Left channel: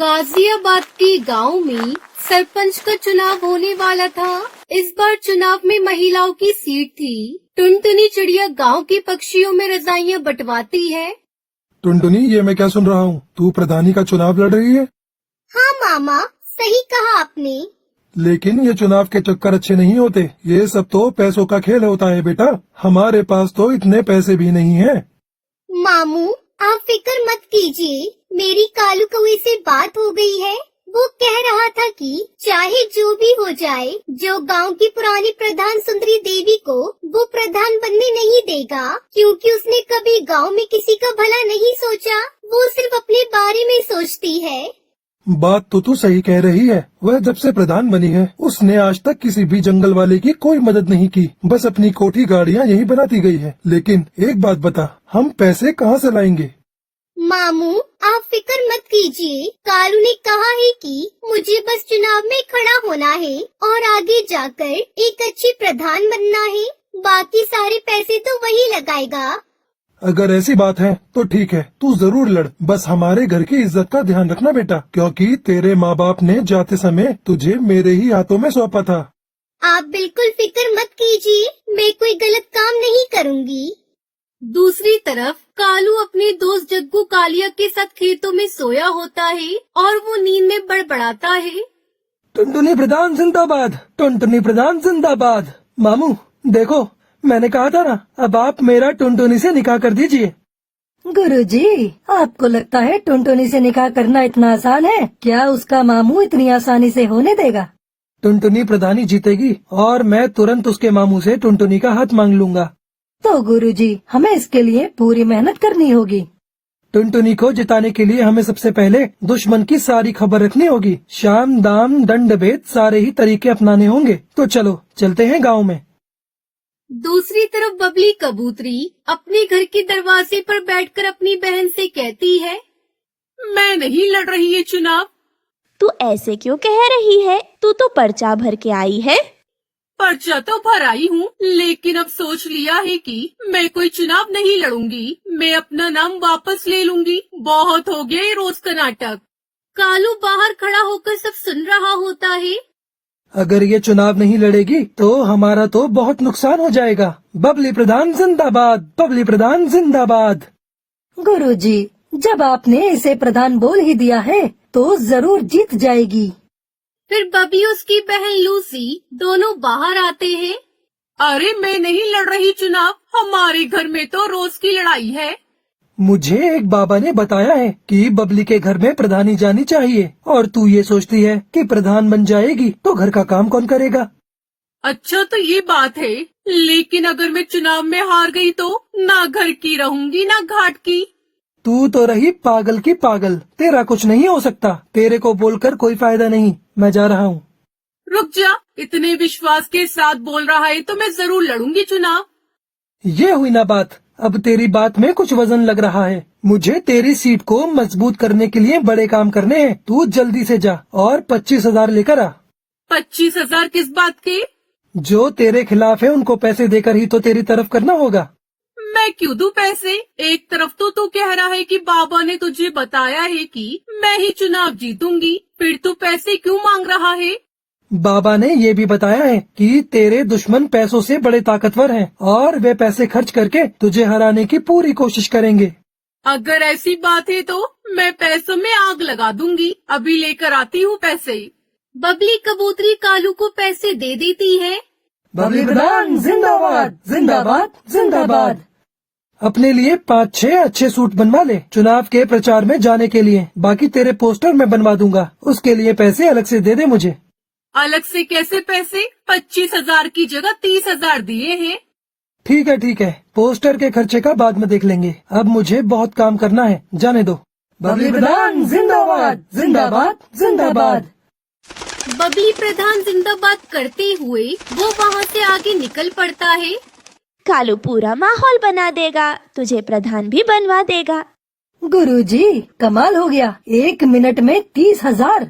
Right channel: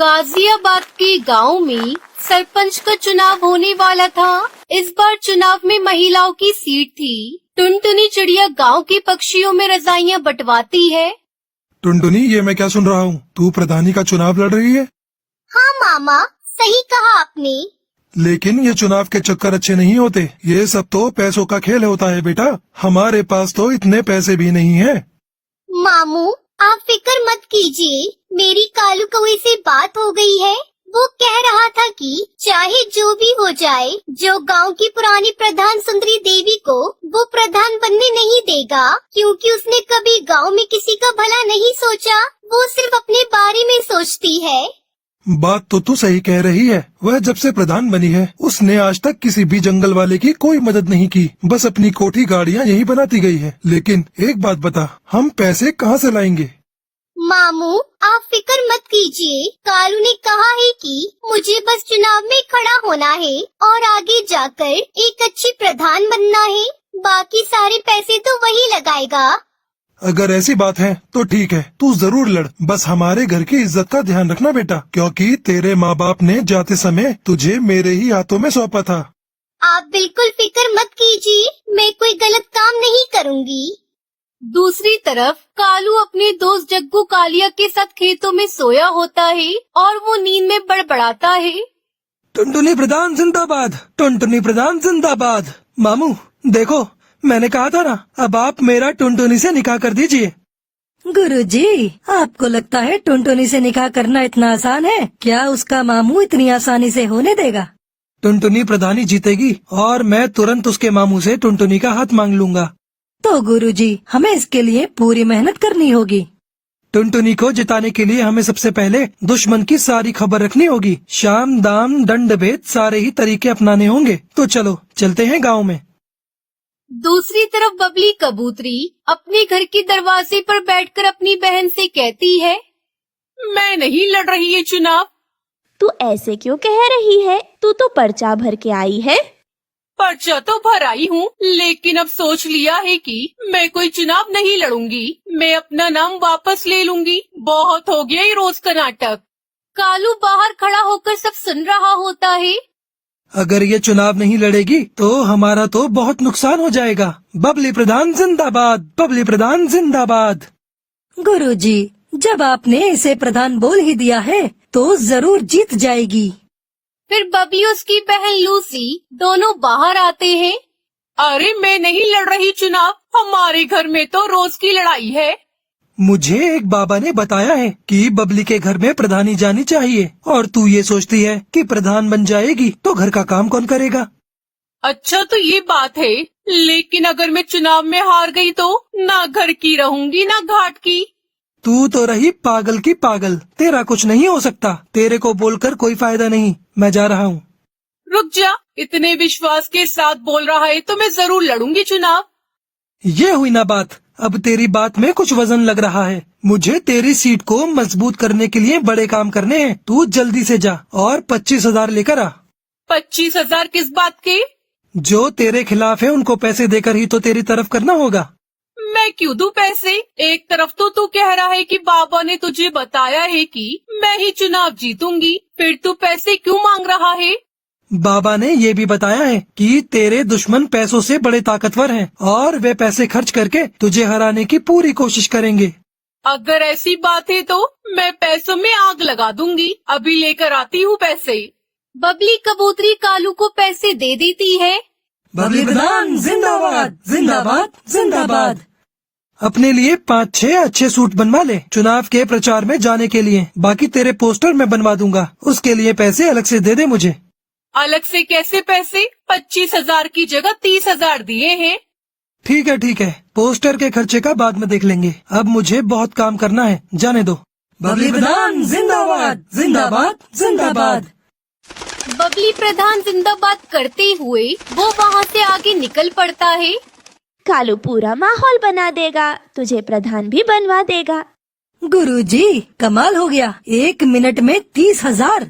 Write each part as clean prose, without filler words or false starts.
गाजियाबाद के गांव में सरपंच का चुनाव होने वाला था। इस बार चुनाव में महिलाओं की सीट थी। टुनटुनी चिड़िया गांव के पक्षियों में रजाइयां बंटवाती है। टुनटुनी, ये मैं क्या सुन रहा हूँ? तू प्रधानी का चुनाव लड़ रही है? हाँ मामा, सही कहा आपने। लेकिन ये चुनाव के चक्कर अच्छे नहीं होते। ये सब तो पैसों का खेल होता है बेटा। हमारे पास तो इतने पैसे भी नहीं है। मामू, आप फिक्र मत कीजिए। मेरी कालू कौवे से बात हो गई है। वो कह रहा था कि चाहे जो भी हो जाए, जो गांव की पुरानी प्रधान सुंदरी देवी को वो प्रधान बनने नहीं देगा, क्योंकि उसने कभी गांव में किसी का भला नहीं सोचा। वो सिर्फ अपने बारे में सोचती है। बात तो तू सही कह रही है। वह जब से प्रधान बनी है, उसने आज तक किसी भी जंगल वाले की कोई मदद नहीं की। बस अपनी कोठी गाड़ियाँ यही बनाती गई है। लेकिन एक बात बता, हम पैसे कहाँ से लाएंगे? मामू, आप फिक्र मत कीजिए। कालू ने कहा है कि मुझे बस चुनाव में खड़ा होना है और आगे जाकर एक अच्छी प्रधान बनना है। बाकी सारे पैसे तो वही लगाएगा। अगर ऐसी बात है तो ठीक है, तू जरूर लड़। बस हमारे घर की इज्जत का ध्यान रखना बेटा, क्योंकि तेरे माँ बाप ने जाते समय तुझे मेरे ही हाथों में सौंपा था। आप बिल्कुल फिक्र मत कीजिए, मैं कोई गलत काम नहीं करूँगी। दूसरी तरफ कालू अपने दोस्त जग्गू कालिया के साथ खेतों में सोया होता है और वो नींद में बड़बड़ाता है। टुनटुनी प्रधान जिंदाबाद, टुनटुनी प्रधान जिंदाबाद। मामू देखो, मैंने कहा था ना, अब आप मेरा टुनटुनी से निकाह कर दीजिए। गुरुजी, आपको लगता है टुनटुनी से निकाह करना इतना आसान है? क्या उसका मामू इतनी आसानी से होने देगा? टुनटुनी प्रधानी जीतेगी और मैं तुरंत उसके मामू से टुनटुनी का हाथ मांग लूंगा। तो गुरुजी, हमें इसके लिए पूरी मेहनत करनी होगी। टुनटुनी को जिताने के लिए हमें सबसे पहले दुश्मन की सारी खबर रखनी होगी। शाम दाम दंड भेद सारे ही तरीके अपनाने होंगे। तो चलो चलते हैं गाँव में। दूसरी तरफ बबली कबूतरी अपने घर के दरवाजे पर बैठकर अपनी बहन से कहती है, मैं नहीं लड़ रही है चुनाव। तू ऐसे क्यों कह रही है? तू तो पर्चा भर के आई है। पर्चा तो भर आई हूँ, लेकिन अब सोच लिया है कि मैं कोई चुनाव नहीं लड़ूंगी। मैं अपना नाम वापस ले लूंगी। बहुत हो गया ये रोज का नाटक। कालू बाहर खड़ा होकर सब सुन रहा होता है। अगर ये चुनाव नहीं लड़ेगी तो हमारा तो बहुत नुकसान हो जाएगा। बबली प्रधान जिंदाबाद, बबली प्रधान जिंदाबाद। गुरुजी, जब आपने इसे प्रधान बोल ही दिया है तो जरूर जीत जाएगी। फिर बबली और उसकी बहन लूसी दोनों बाहर आते हैं। अरे मैं नहीं लड़ रही चुनाव, हमारे घर में तो रोज की लड़ाई है। मुझे एक बाबा ने बताया है कि बबली के घर में प्रधानी जानी चाहिए, और तू ये सोचती है कि प्रधान बन जाएगी तो घर का काम कौन करेगा? अच्छा तो ये बात है, लेकिन अगर मैं चुनाव में हार गई तो ना घर की रहूंगी ना घाट की। तू तो रही पागल की पागल। तेरा कुछ नहीं हो सकता। तेरे को बोलकर कोई फायदा नहीं। मैं जा रहा हूँ। रुक जा, इतने विश्वास के साथ बोल रहा है तो मैं जरूर लड़ूंगी चुनाव। ये हुई ना बात। अब तेरी बात में कुछ वजन लग रहा है। मुझे तेरी सीट को मजबूत करने के लिए बड़े काम करने हैं। तू जल्दी से जा और 25,000 लेकर आ। 25,000 किस बात के? जो तेरे खिलाफ है उनको पैसे देकर ही तो तेरी तरफ करना होगा। मैं क्यों दूं पैसे? एक तरफ तो तू कह रहा है कि बाबा ने तुझे बताया है कि मैं ही चुनाव जीतूंगी, फिर तू पैसे क्यों मांग रहा है? बाबा ने ये भी बताया है कि तेरे दुश्मन पैसों से बड़े ताकतवर हैं और वे पैसे खर्च करके तुझे हराने की पूरी कोशिश करेंगे। अगर ऐसी बात है तो मैं पैसों में आग लगा दूंगी। अभी लेकर आती हूँ पैसे। बबली कबूतरी कालू को पैसे दे देती है। बबली प्रधान जिंदाबाद, जिंदाबाद, जिंदाबाद। अपने लिए 5-6 अच्छे सूट बनवा ले चुनाव के प्रचार में जाने के लिए। बाकी तेरे पोस्टर मैं बनवा दूंगा। उसके लिए पैसे अलग से दे दे मुझे। अलग से कैसे पैसे? 25,000 की जगह 30,000 दिए हैं। ठीक है ठीक है, पोस्टर के खर्चे का बाद में देख लेंगे। अब मुझे बहुत काम करना है, जाने दो। बबली प्रधान जिंदाबाद, जिंदाबाद, जिंदाबाद। बबली प्रधान जिंदाबाद करते हुए वो वहाँ से आगे निकल पड़ता है। कालू पूरा माहौल बना देगा, तुझे प्रधान भी बनवा देगा। गुरुजी, कमाल हो गया। 1 मिनट में 30,000।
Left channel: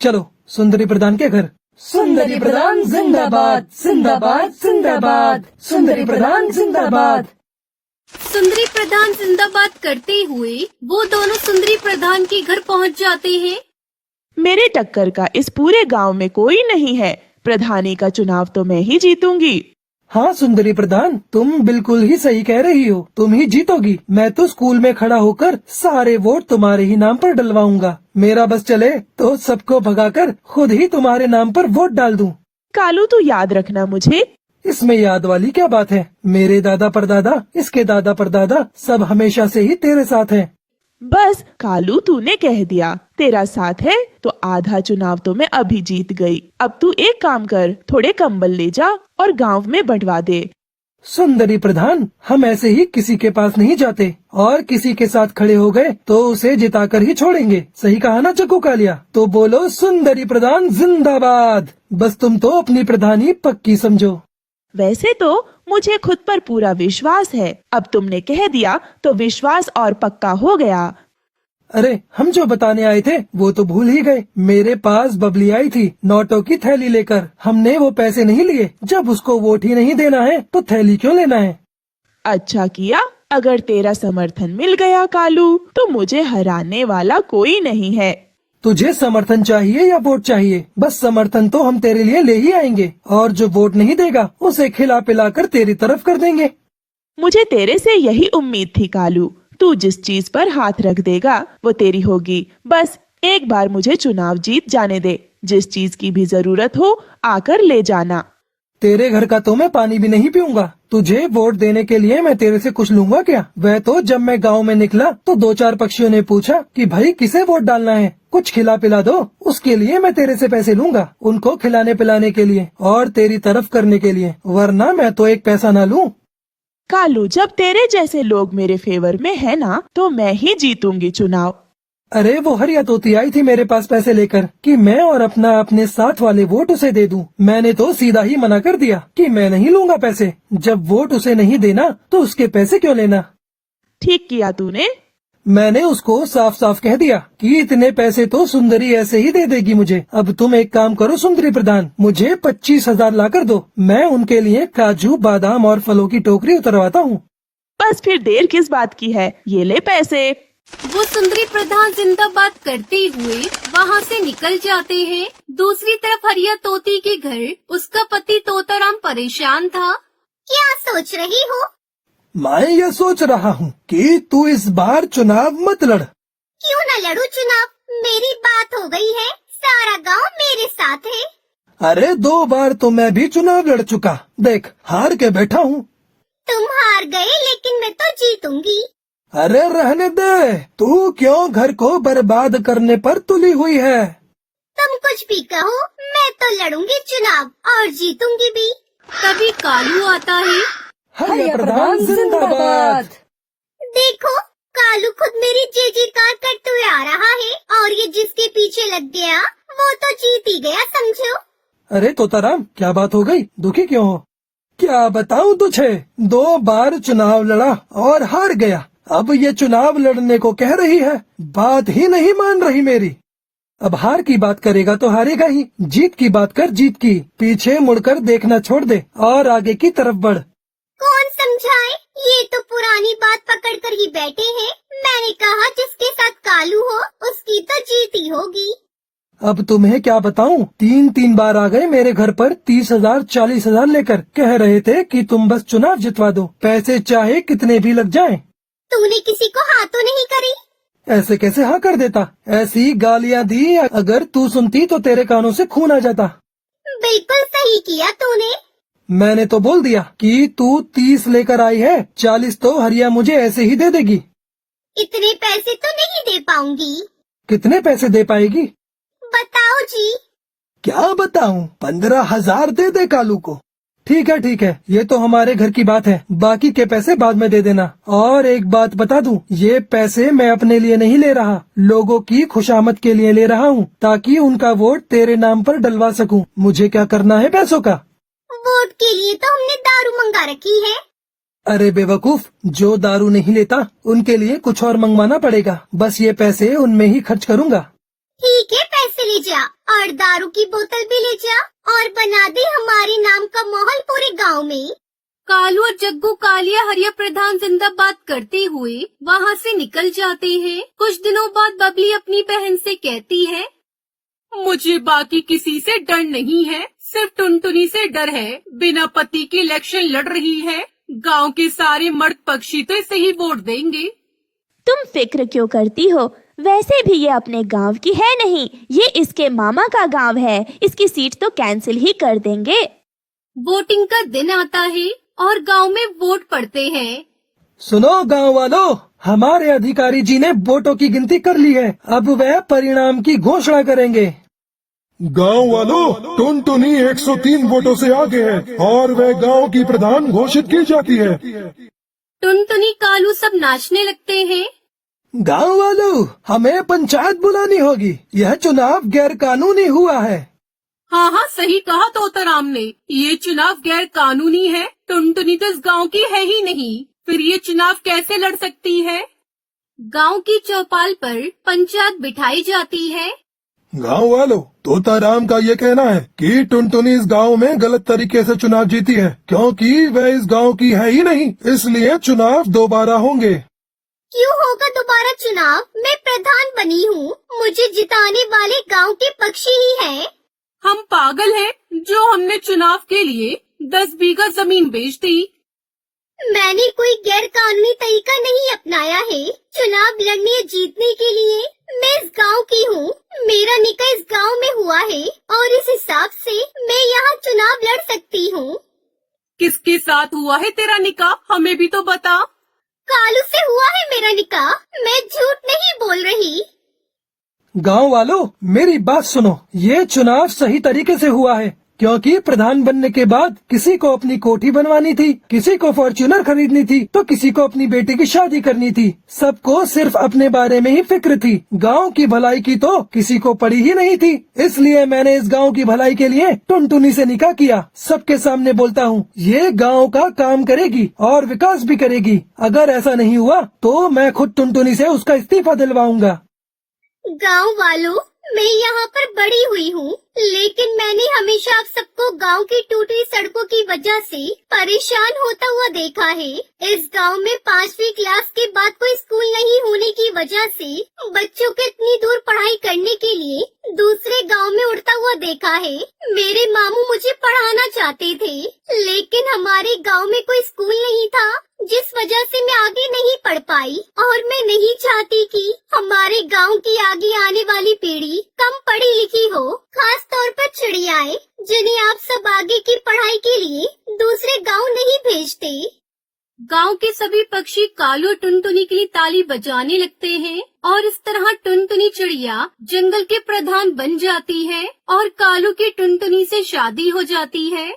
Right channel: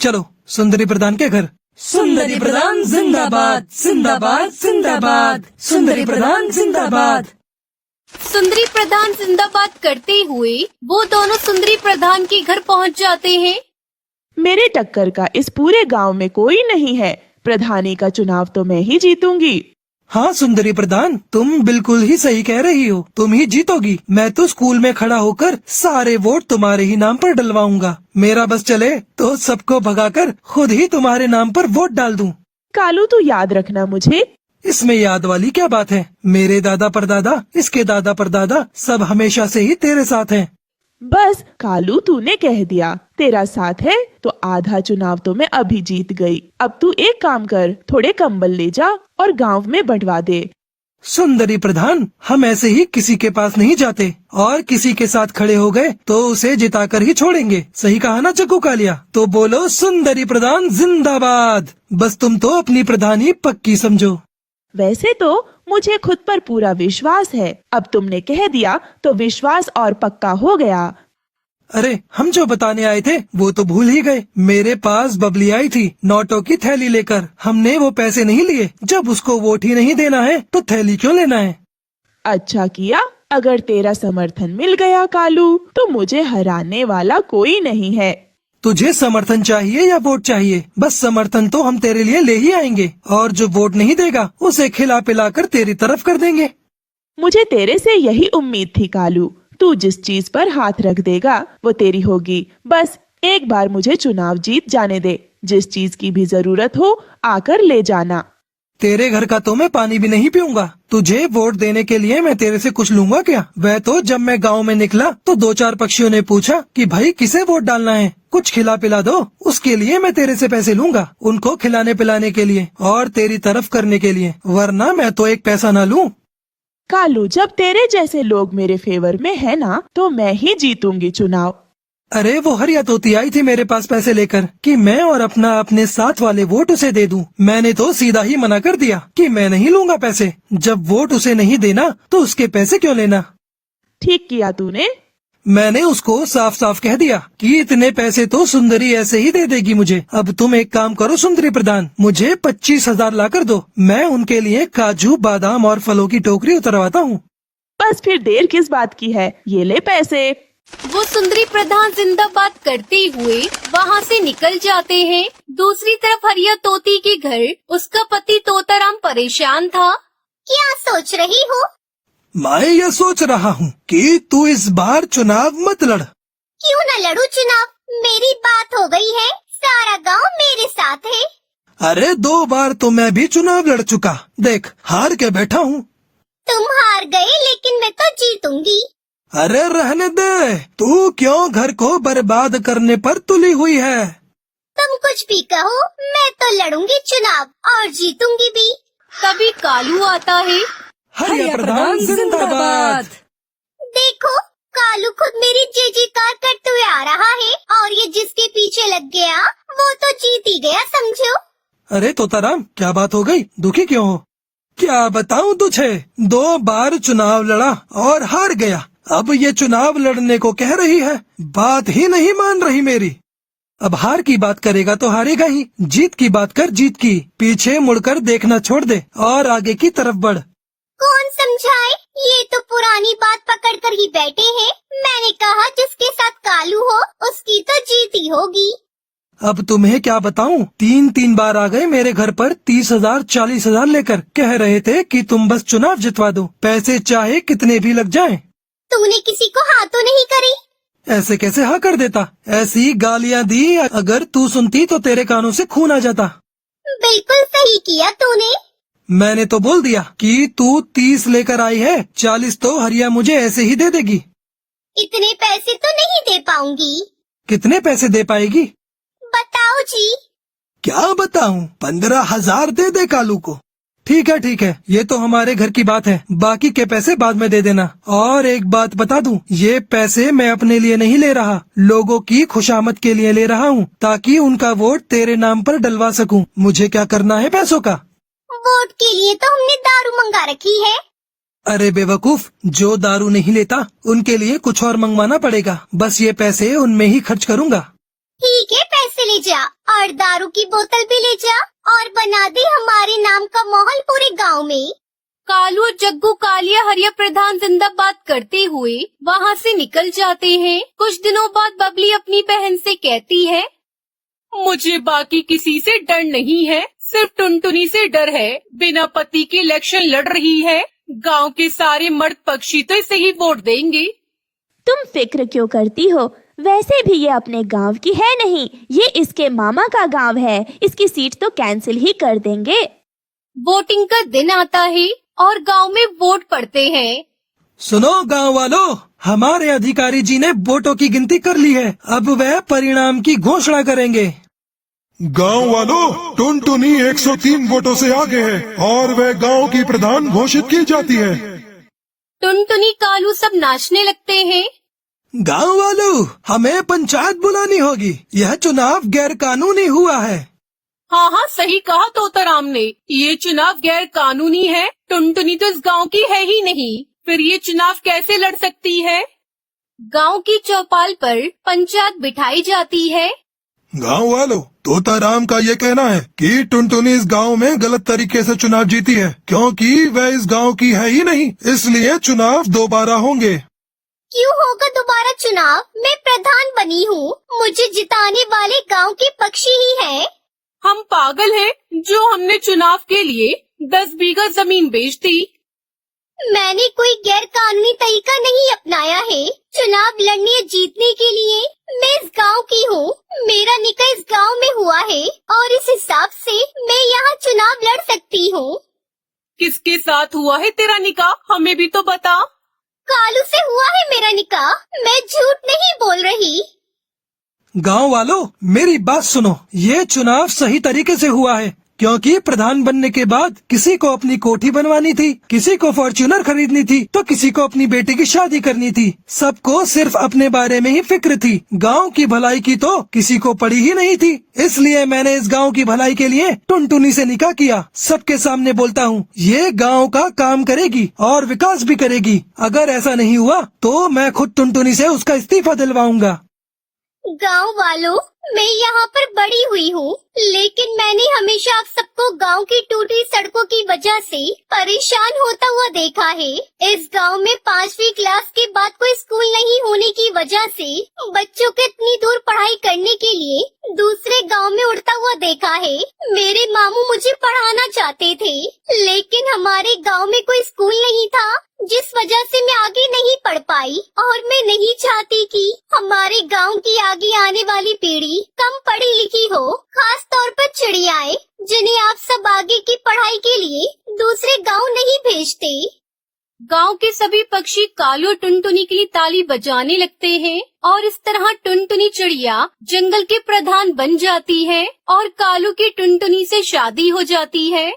चलो सुंदरी प्रधान के घर। सुंदरी प्रधान जिंदाबाद, जिंदाबाद, जिंदाबाद। सुंदरी प्रधान जिंदाबाद। सुंदरी प्रधान जिंदाबाद करते हुए वो दोनों सुंदरी प्रधान के घर पहुंच जाते हैं। मेरे टक्कर का इस पूरे गांव में कोई नहीं है। प्रधानी का चुनाव तो मैं ही जीतूंगी। हाँ सुंदरी प्रधान, तुम बिल्कुल ही सही कह रही हो, तुम ही जीतोगी। मैं तो स्कूल में खड़ा होकर सारे वोट तुम्हारे ही नाम पर डलवाऊंगा। मेरा बस चले तो सबको भगाकर खुद ही तुम्हारे नाम पर वोट डाल दूं। कालू तू याद रखना मुझे। इसमें याद वाली क्या बात है? मेरे दादा परदादा, इसके दादा परदादा सब हमेशा से ही तेरे साथ हैं। बस कालू तूने कह दिया तेरा साथ है तो आधा चुनाव तो मैं अभी जीत गई। अब तू एक काम कर, थोड़े कंबल ले जा और गांव में बंटवा दे। सुंदरी प्रधान, हम ऐसे ही किसी के पास नहीं जाते, और किसी के साथ खड़े हो गए तो उसे जिताकर ही छोड़ेंगे। सही कहा ना जग्गू कालिया? तो बोलो सुंदरी प्रधान जिंदाबाद। बस तुम तो अपनी प्रधानी पक्की समझो। वैसे तो मुझे खुद पर पूरा विश्वास है, अब तुमने कह दिया तो विश्वास और पक्का हो गया। अरे हम जो बताने आए थे वो तो भूल ही गए। मेरे पास बबली आई थी नोटों की थैली लेकर। हमने वो पैसे नहीं लिए। जब उसको वोट ही नहीं देना है तो थैली क्यों लेना है? अच्छा किया। अगर तेरा समर्थन मिल गया कालू तो मुझे हराने वाला कोई नहीं है। तुझे समर्थन चाहिए या वोट चाहिए? बस समर्थन तो हम तेरे लिए ले ही आएंगे, और जो वोट नहीं देगा उसे खिला पिला कर तेरी तरफ कर देंगे। मुझे तेरे से यही उम्मीद थी कालू। तू जिस चीज पर हाथ रख देगा वो तेरी होगी। बस एक बार मुझे चुनाव जीत जाने दे। जिस चीज की भी जरूरत हो आकर ले जाना। तेरे घर का तो मैं पानी भी नहीं पीऊंगा। तुझे वोट देने के लिए मैं तेरे से कुछ लूंगा क्या? वह तो जब मैं गांव में निकला तो 2-4 पक्षियों ने पूछा कि भाई किसे वोट डालना है, कुछ खिला पिला दो। उसके लिए मैं तेरे से पैसे लूंगा, उनको खिलाने पिलाने के लिए और तेरी तरफ करने के लिए, वरना मैं तो एक पैसा न लूं। कालू, जब तेरे जैसे लोग मेरे फेवर में है ना तो मैं ही जीतूंगी चुनाव। अरे वो हरिया तोती आई थी मेरे पास पैसे लेकर कि मैं और अपने साथ वाले वोट उसे दे दूं। मैंने तो सीधा ही मना कर दिया कि मैं नहीं लूंगा पैसे। जब वोट उसे नहीं देना तो उसके पैसे क्यों लेना? ठीक किया तूने। मैंने उसको साफ साफ कह दिया कि इतने पैसे तो सुंदरी ऐसे ही दे देगी मुझे। अब तुम एक काम करो सुंदरी प्रधान, मुझे 25,000 ला कर दो। मैं उनके लिए काजू बादाम और फलों की टोकरी उतरवाता हूँ। बस फिर देर किस बात की है, ये ले पैसे। वो सुंदरी प्रधान जिंदाबाद करते हुए वहाँ से निकल जाते हैं। दूसरी तरफ हरिया तोती के घर उसका पति तोताराम परेशान था। क्या सोच रही हो? मैं यह सोच रहा हूँ कि तू इस बार चुनाव मत लड़। क्यों न लड़ू चुनाव? मेरी बात हो गई है, सारा गांव मेरे साथ है। अरे 2 बार तो मैं भी चुनाव लड़ चुका, देख हार के बैठा हूँ। तुम हार गए लेकिन मैं तो जीतूंगी। अरे रहने दे, तू क्यों घर को बर्बाद करने पर तुली हुई है? तुम कुछ भी कहो, मैं तो लड़ूंगी चुनाव और जीतूंगी भी। तभी कालू आता है। हरिया प्रधान जिंदाबाद। देखो, कालू खुद मेरी जी-जी-कार करते हुए आ रहा है और ये जिसके पीछे लग गया वो तो जीत ही गया समझो। अरे तोताराम, क्या बात हो गई? दुखी क्यों हो? क्या बताऊं तुझे, 2 बार चुनाव लड़ा और हार गया। अब ये चुनाव लड़ने को कह रही है, बात ही नहीं मान रही मेरी। अब हार की बात करेगा तो हारेगा ही। जीत की बात कर, जीत की। पीछे मुड़कर देखना छोड़ दे और आगे की तरफ बढ़। कौन समझाए? ये तो पुरानी बात पकड़ कर ही बैठे हैं। मैंने कहा जिसके साथ कालू हो उसकी तो जीत ही होगी। अब तुम्हें क्या बताऊं, 3 बार आ गए मेरे घर पर 30,000 40,000 लेकर। कह रहे थे कि तुम बस चुनाव जितवा दो, पैसे चाहे कितने भी लग जाएं। तूने किसी को हाँ तो नहीं करे? ऐसे कैसे हाँ कर देता? ऐसी गालियाँ दी, अगर तू सुनती तो तेरे कानों से खून आ जाता। बिल्कुल सही किया तूने। मैंने तो बोल दिया कि तू 30 लेकर आई है, 40 तो हरिया मुझे ऐसे ही दे देगी। इतने पैसे तो नहीं दे पाऊंगी। कितने पैसे दे पाएगी? बताओ जी। क्या बताऊं, 15,000 दे दे कालू को। ठीक है, ये तो हमारे घर की बात है। बाकी के पैसे बाद में दे देना। और एक बात बता दूं, ये पैसे मैं अपने लिए नहीं ले रहा, लोगों की खुशामद के लिए ले रहा हूँ, ताकि उनका वोट तेरे नाम पर डलवा सकूं। मुझे क्या करना है पैसों का? वोट के लिए तो हमने दारू मंगा रखी है। अरे बेवकूफ, जो दारू नहीं लेता उनके लिए कुछ और मंगवाना पड़ेगा। बस ये पैसे उनमें ही खर्च करूँगा। ठीक है, पैसे ले जा और दारू की बोतल भी ले जा और बना दे हमारे नाम का माहौल पूरे गांव में। कालू और जग्गू कालिया हरिया प्रधान जिंदाबाद करते हुए वहाँ से निकल जाते हैं। कुछ दिनों बाद बबली अपनी बहन से कहती है, मुझे बाकी किसी से डर नहीं है, सिर्फ टुनटुनी से डर है। बिना पति के इलेक्शन लड़ रही है। गांव के सारे मर्द पक्षी तो इसे ही वोट देंगे। तुम फिक्र क्यों करती हो? वैसे भी ये अपने गांव की है नहीं, ये इसके मामा का गांव है। इसकी सीट तो कैंसिल ही कर देंगे। वोटिंग का दिन आता है और गांव में वोट पड़ते हैं। सुनो गांव वालों, हमारे अधिकारी जी ने वोटों की गिनती कर ली है। अब वह परिणाम की घोषणा करेंगे। गांव वालों, टुनटुनी 103 वोटों से आगे है और वह गांव की प्रधान घोषित की जाती है। टुनटुनी कालू सब नाचने लगते हैं। गांव वालों, हमें पंचायत बुलानी होगी। यह चुनाव गैर कानूनी हुआ है। हाँ हाँ, सही कहा तोताराम ने। ये चुनाव गैर कानूनी है। टुनटुनी तो इस गांव की है ही नहीं, फिर ये चुनाव कैसे लड़ सकती है? गांव की चौपाल पर पंचायत बिठाई जाती है। गांव वालों, तोताराम का ये कहना है कि टुनटुनी इस गांव में गलत तरीके से चुनाव जीती है, क्योंकि वह इस गांव की है ही नहीं, इसलिए चुनाव दोबारा होंगे। क्यों होगा दोबारा चुनाव? मैं प्रधान बनी हूँ, मुझे जिताने वाले गांव के पक्षी ही है। हम पागल हैं जो हमने चुनाव के लिए 10 बीघा जमीन बेच दी। मैंने कोई गैर कानूनी तरीका नहीं अपनाया है। चुनाव लड़ने या जीतने के लिए मैं इस गांव की हूँ। मेरा निकाह इस गांव में हुआ है और इस हिसाब से मैं यहाँ चुनाव लड़ सकती हूँ। किसके साथ हुआ है तेरा निकाह? हमें भी तो बता। कालू से हुआ है मेरा निकाह, मैं झूठ नहीं बोल रही। गांव वालों, मेरी बात सुनो। ये चुनाव सही तरीके से हुआ है, क्योंकि प्रधान बनने के बाद किसी को अपनी कोठी बनवानी थी, किसी को फॉर्च्यूनर खरीदनी थी, तो किसी को अपनी बेटी की शादी करनी थी। सबको सिर्फ अपने बारे में ही फिक्र थी। गांव की भलाई की तो किसी को पड़ी ही नहीं थी। इसलिए मैंने इस गांव की भलाई के लिए टुनटुनी से निकाह किया। सबके सामने बोलता हूँ, ये गांव का काम करेगी और विकास भी करेगी। अगर ऐसा नहीं हुआ तो मैं खुद टुनटुनी से उसका इस्तीफा दिलवाऊंगा। गांव वालों, मैं यहाँ पर बड़ी हुई हूँ, लेकिन मैंने हमेशा आप सबको गांव की टूटी सड़कों की वजह से परेशान होता हुआ देखा है। इस गांव में 5वीं क्लास के बाद कोई स्कूल नहीं होने की वजह से बच्चों को इतनी दूर पढ़ाई करने के लिए दूसरे गांव में उड़ता हुआ देखा है। मेरे मामू मुझे पढ़ाना चाहते थे, लेकिन हमारे गांव में कोई स्कूल नहीं था, जिस वजह से मैं आगे नहीं पढ़ पाई। और मैं नहीं चाहती कि हमारे गांव की आगे आने वाली पीढ़ी कम पढ़ी लिखी हो, खास तौर पर चिड़ियाएं, जिन्हें आप सब आगे की पढ़ाई के लिए दूसरे गांव नहीं भेजते। गांव के सभी पक्षी कालू और टुनटुनी के लिए ताली बजाने लगते हैं और इस तरह टुनटुनी चिड़िया जंगल के प्रधान बन जाती है और कालू की टुनटुनी से शादी हो जाती है।